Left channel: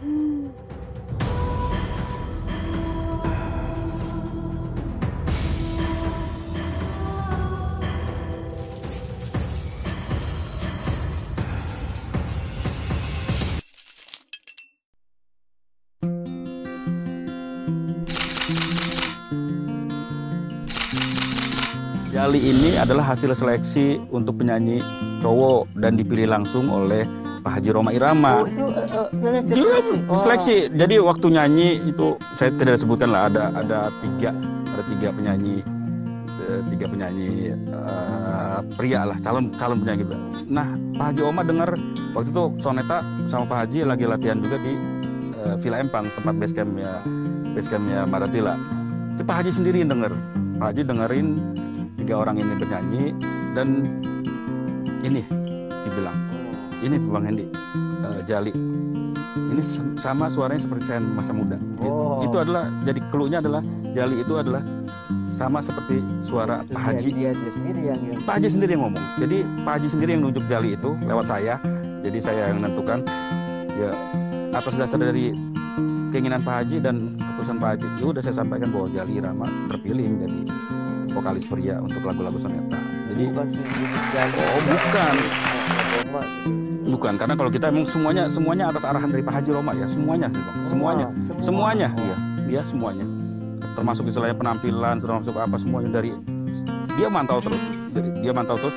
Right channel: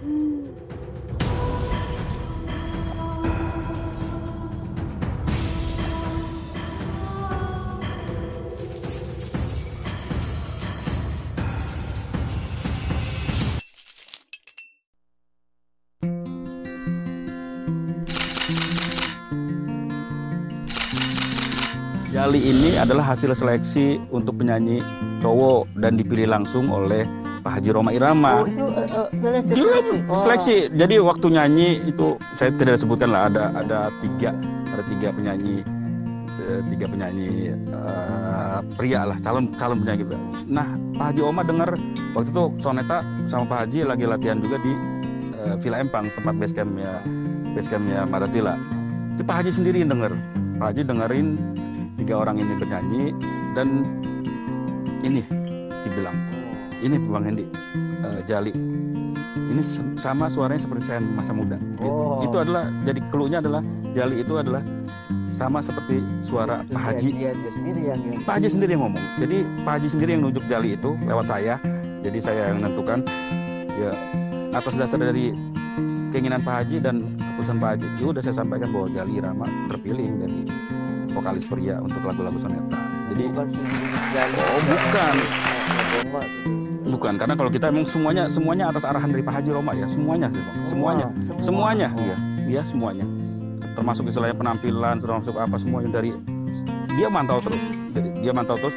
Jali ini adalah hasil seleksi untuk penyanyi cowok dan dipilih langsung oleh Pak Haji Rhoma Irama. Oh, itu seleksi. Seleksi. Jadi waktu nyanyi itu saya tidak sebutkan lah, ada tiga penyanyi, pria lah, calon penyanyi. Nah, Pak Haji Oma dengar waktu itu Soneta sama Pak Haji lagi latihan juga di Villa Empang, tempat basecampnya Madatila. Itu Pak Haji sendiri yang denger. Pak Haji dengerin 3 orang ini bernyanyi dan ini dibilang, ini Bang Hendi, Jali. Ini sama suaranya seperti saya masa muda. Gitu. Itu adalah, jadi clue-nya adalah Jali itu adalah sama seperti suara Pak Haji. Dia sendiri yang Pak Haji sendiri yang ngomong. Jadi Pak Haji sendiri yang nunjuk Jali itu lewat saya. Jadi saya yang menentukan. Ya atas dasar dari keinginan Pak Haji dan keputusan Pak Haji, ya udah saya sampaikan bahwa Jali Irama terpilih menjadi vokalis pria untuk lagu-lagu Soneta. Jadi bukan Jali. Bukan. Bukan, karena kalau kita emang semuanya atas arahan dari Pak Haji Rhoma ya, semuanya, Bang. Semuanya, iya, semuanya. Termasuk istilahnya penampilan, termasuk apa semuanya dari dia mantau terus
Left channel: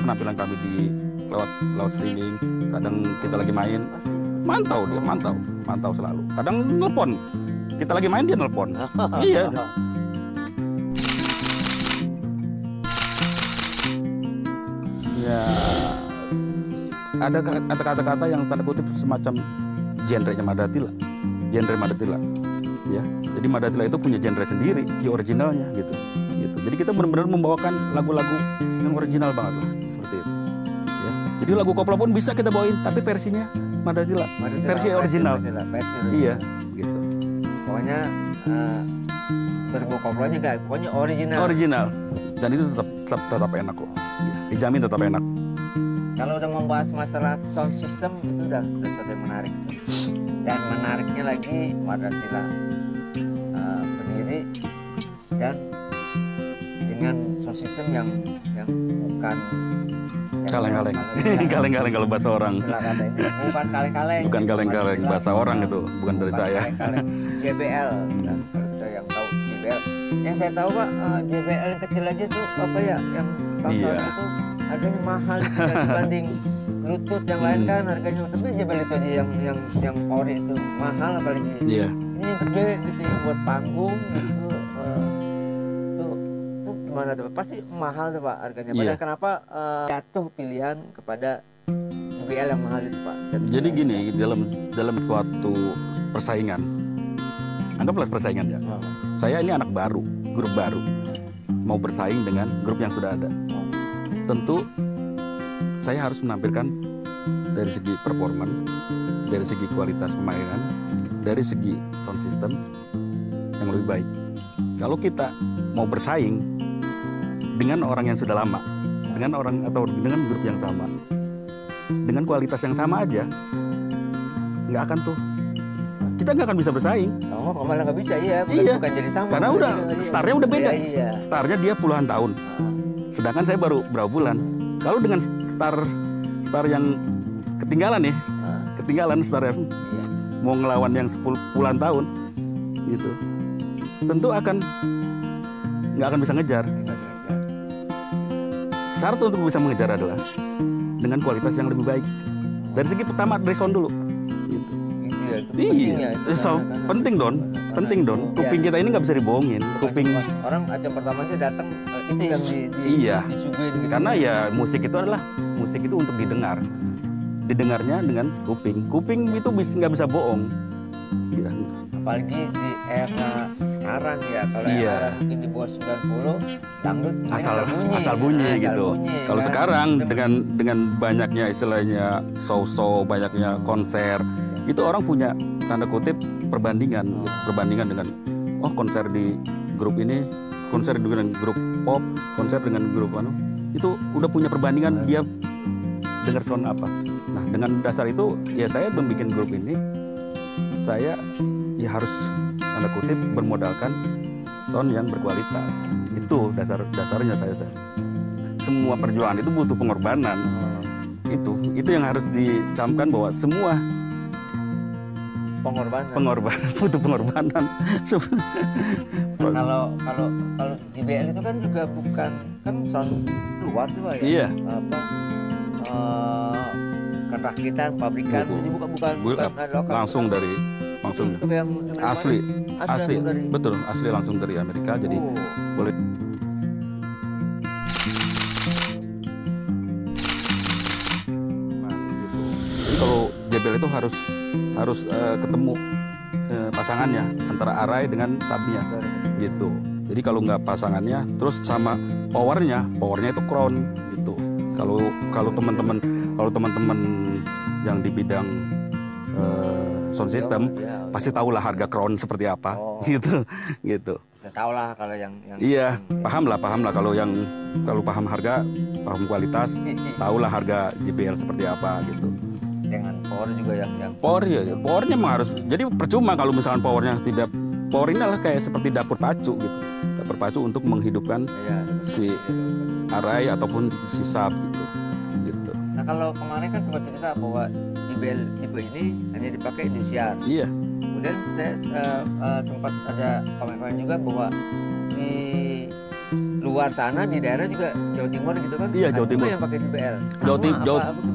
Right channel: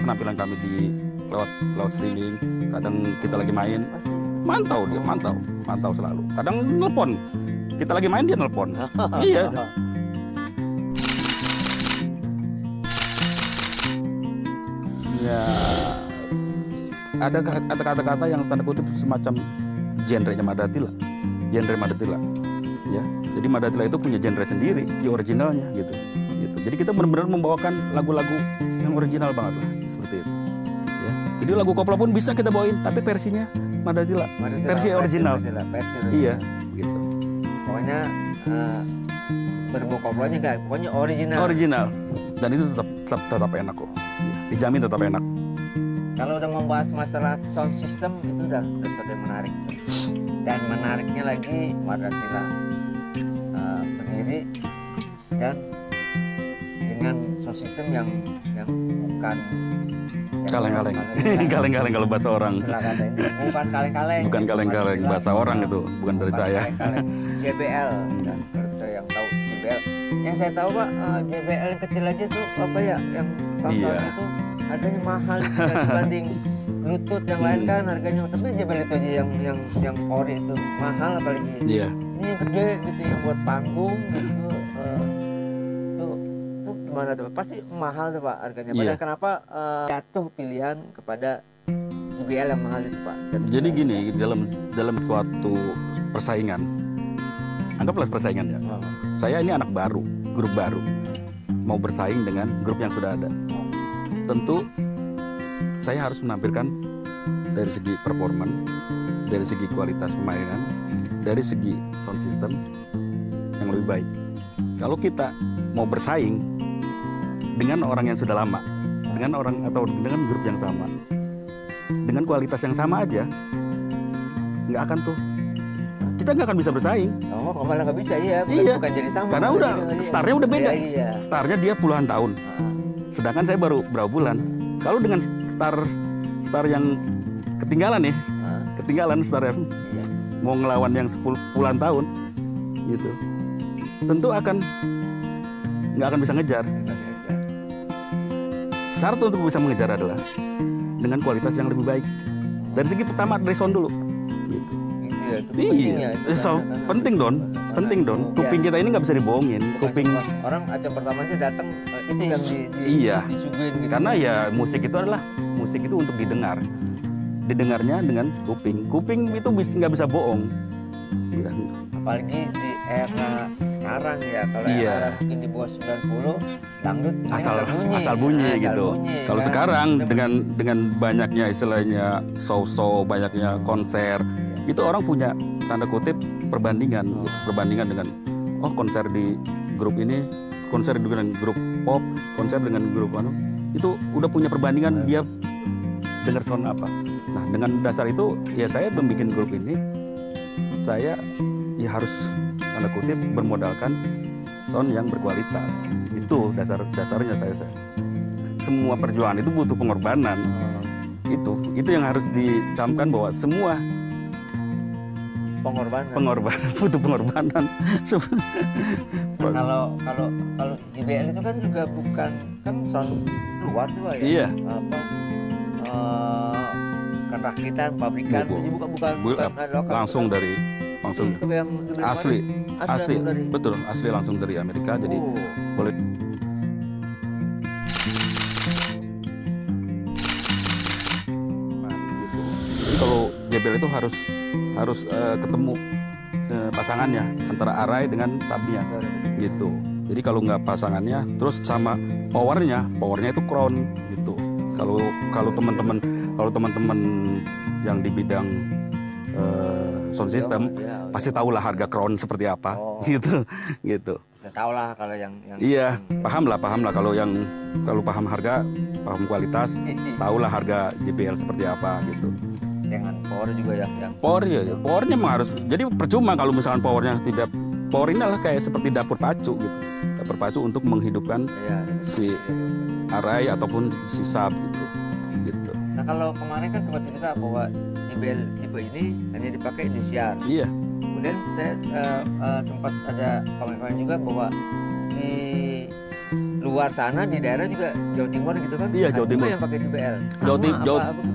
penampilan kami di lewat streaming. Kadang kita lagi main, mantau selalu. Kadang nelpon, kita lagi main dia nelpon. Iya. Ya, ada kata-kata yang tanda kutip semacam genre Madatila, ya. Jadi Madatila itu punya genre sendiri, di originalnya gitu. Jadi kita benar-benar membawakan lagu-lagu yang original banget lah, seperti itu. Ya. Jadi lagu koplo pun bisa kita bawain, tapi versinya Madatila, versi original. Iya, begitu. Pokoknya berbau koplonya enggak, pokoknya original. Original. Dan itu tetap enak kok. Iya, dijamin tetap enak. Kalau udah membahas masalah sound system itu udah sesuatu yang menarik tuh. Dan menariknya lagi Madatila berdiri dan dengan sound system yang bukan kaleng-kaleng. Kaleng-kaleng kalau bahasa orang. Bukan kaleng-kaleng. Bukan kaleng-kaleng, bahasa orang itu, bukan dari saya. JBL, ya, kalau kita yang tahu JBL. Yang saya tahu Pak, JBL yang kecil aja tuh apa ya, yang sound itu harganya mahal dibanding Bluetooth yang lain kan harganya. Tapi JBL itu aja yang ori itu mahal, apalagi ini yang gede gitu, yang buat panggung gitu. Tuh gimana tuh? Pasti mahal tuh Pak harganya. Padahal kenapa jatuh pilihan kepada JBL yang mahal itu Pak? Jadi gini, dalam suatu persaingan, anggaplah persaingan ya. Saya ini anak baru, grup baru, mau bersaing dengan grup yang sudah ada. Tentu saya harus menampilkan dari segi performan, dari segi kualitas permainan, dari segi sound system yang lebih baik. Kalau kita mau bersaing dengan orang yang sudah lama, dengan orang atau dengan grup yang sama, dengan kualitas yang sama aja, nggak akan tuh. Kita nggak akan bisa bersaing. Malah nggak bisa, bukan jadi sama. Karena udah startnya udah beda. Startnya dia puluhan tahun. Sedangkan saya baru berapa bulan. Kalau dengan star yang ketinggalan nih, ketinggalan starnya, mau ngelawan yang puluhan tahun, gitu, tentu nggak akan bisa ngejar. Syarat untuk bisa mengejar adalah dengan kualitas yang lebih baik. Dari segi pertama, dari sound dulu, gitu. Itu penting ya. Penting don. Kuping kita ini nggak bisa dibohongin. Kuping orang acem pertama aja datang itu yang disuguhin gitu. Karena ya musik itu untuk didengar. Didengarnya dengan kuping. Kuping itu nggak bisa bohong. Gitu. Apalagi di era sekarang ya, kalau era mungkin di bawah 90 dangdut asal bunyi gitu. Kalau sekarang dengan banyaknya istilahnya show banyaknya konser, itu orang punya tanda kutip perbandingan dengan konser di grup ini, konser dengan grup pop, konser dengan grup itu udah punya perbandingan, dia dengar sound apa. Nah, dengan dasar itu ya saya membuat grup ini saya ya harus tanda kutip bermodalkan sound yang berkualitas. Itu dasarnya saya. Semua perjuangan itu butuh pengorbanan. Itu yang harus dicamkan bahwa semua pengorbanan butuh pengorbanan. Nah, kalau JBL itu kan juga bukan kan sound luar tuh ya. Iya. Bukan rakitan, pabrikan, bukan langsung kan, dari itu yang asli dari... betul, asli langsung dari Amerika. Jadi boleh gitu. Jadi kalau JBL itu harus ketemu pasangannya antara arai dengan subnya gitu. Jadi kalau nggak pasangannya, terus sama powernya itu crown gitu. Kalau teman-teman yang di bidang sound system pasti tahulah harga crown seperti apa gitu. Saya tahu lah kalau yang iya, paham lah kalau paham harga, paham kualitas, tahulah harga JBL seperti apa gitu. Dengan power juga yang powernya memang harus, jadi percuma kalau misalkan power ini adalah kayak seperti dapur pacu gitu. Dapur pacu untuk menghidupkan si arai ataupun si sub gitu. Nah, kalau kemarin kan sempat cerita bahwa JBL tipe ini hanya dipakai Indosiar. Iya. Kemudian saya sempat ada komen-komen juga bahwa di luar sana di daerah juga Jawa Timur gitu kan. Iya, Jawa Timur yang pakai JBL.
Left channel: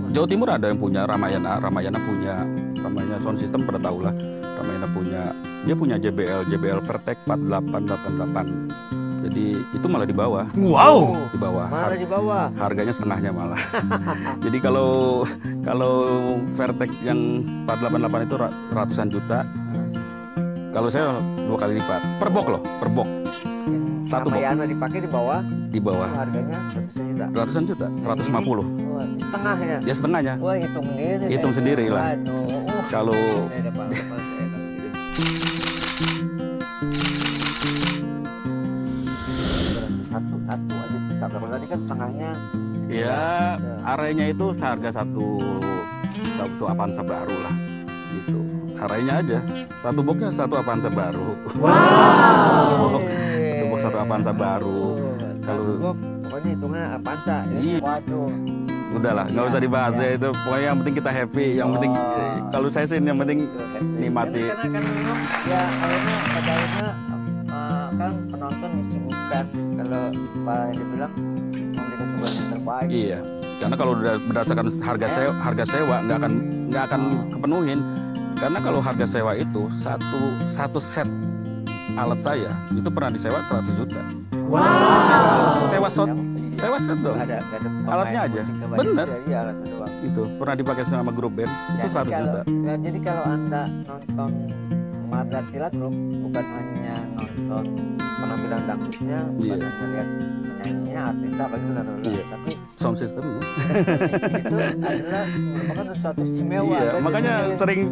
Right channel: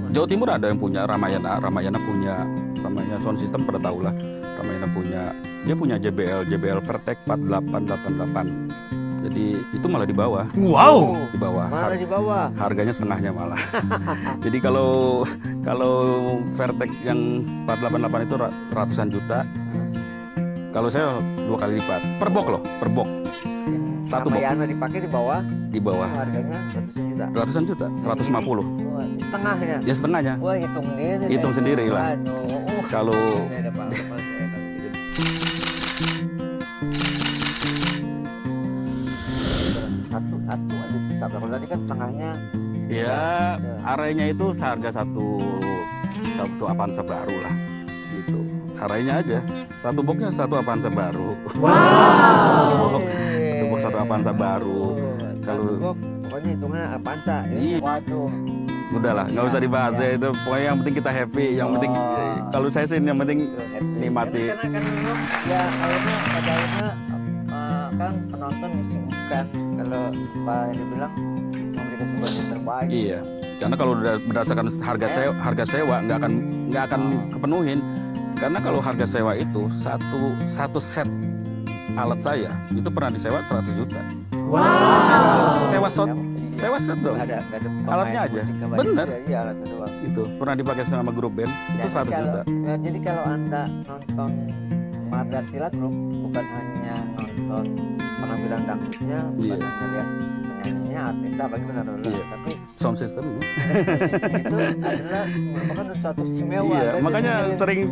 Jawa Timur ada yang punya Ramayana punya sound system, pada tahu lah. Ramayana punya JBL Vertek 4888. Jadi itu malah di bawah. Wow. Di bawah. Malah di bawah. Harganya setengahnya malah. Jadi kalau Vertek yang 488 itu ratusan juta. Kalau saya 2 kali lipat. Per box. Yang satu box. Ramayana dipakai di bawah. Di bawah. Harganya ratusan juta. Ratusan juta. 150. Setengahnya. Ya setengahnya. Wah, hitung sendiri. Hitung sendiri lah. Aduh. Kalau satu aja bisa. Kalau tadi kan setengahnya. Ya, arenya itu seharga satu Avanza baru lah, gitu. Arenya aja, satu boxnya satu Avanza baru. Wow. Satu box satu Avanza baru. Kalau pokoknya hitungannya Avanza. Iya. Waduh. Udahlah, nggak usah dibahas ya itu. Pokoknya yang penting kita happy. Yang penting kalau saya sih yang penting nikmati. Karena memang ya pada akhirnya kan penonton disuguhkan, kalau Pak yang dibilang memberikan suguhan yang terbaik. Iya, karena kalau berdasarkan harga sewa nggak akan kepenuhin. Karena kalau harga sewa itu satu set alat saya itu pernah disewa 100 juta. Wow. Sewa set dong. Nggak ada alatnya aja. Bener. Iya, alatnya doang. Itu pernah dipakai sama grup band itu 100 juta. Ya, jadi kalau Anda nonton Mardatila Group, bukan hanya nonton penampilan dangdutnya, bukan hanya lihat penyanyinya, artisnya, bagaimana dulu, tapi sound system itu adalah merupakan suatu istimewa. Iya, makanya sering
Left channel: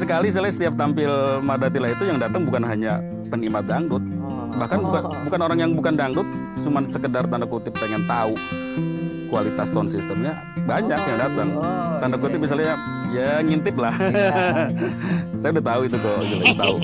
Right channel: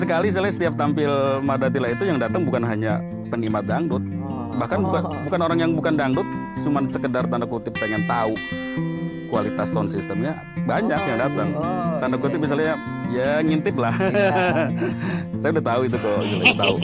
sekali saya setiap tampil Mardatila itu yang datang bukan hanya penikmat dangdut, bahkan bukan orang yang bukan dangdut, cuman sekedar tanda kutip pengen tahu kualitas sound systemnya, banyak yang datang. Tanda kutip misalnya ya ngintip lah. Saya udah tahu itu kok, tahu.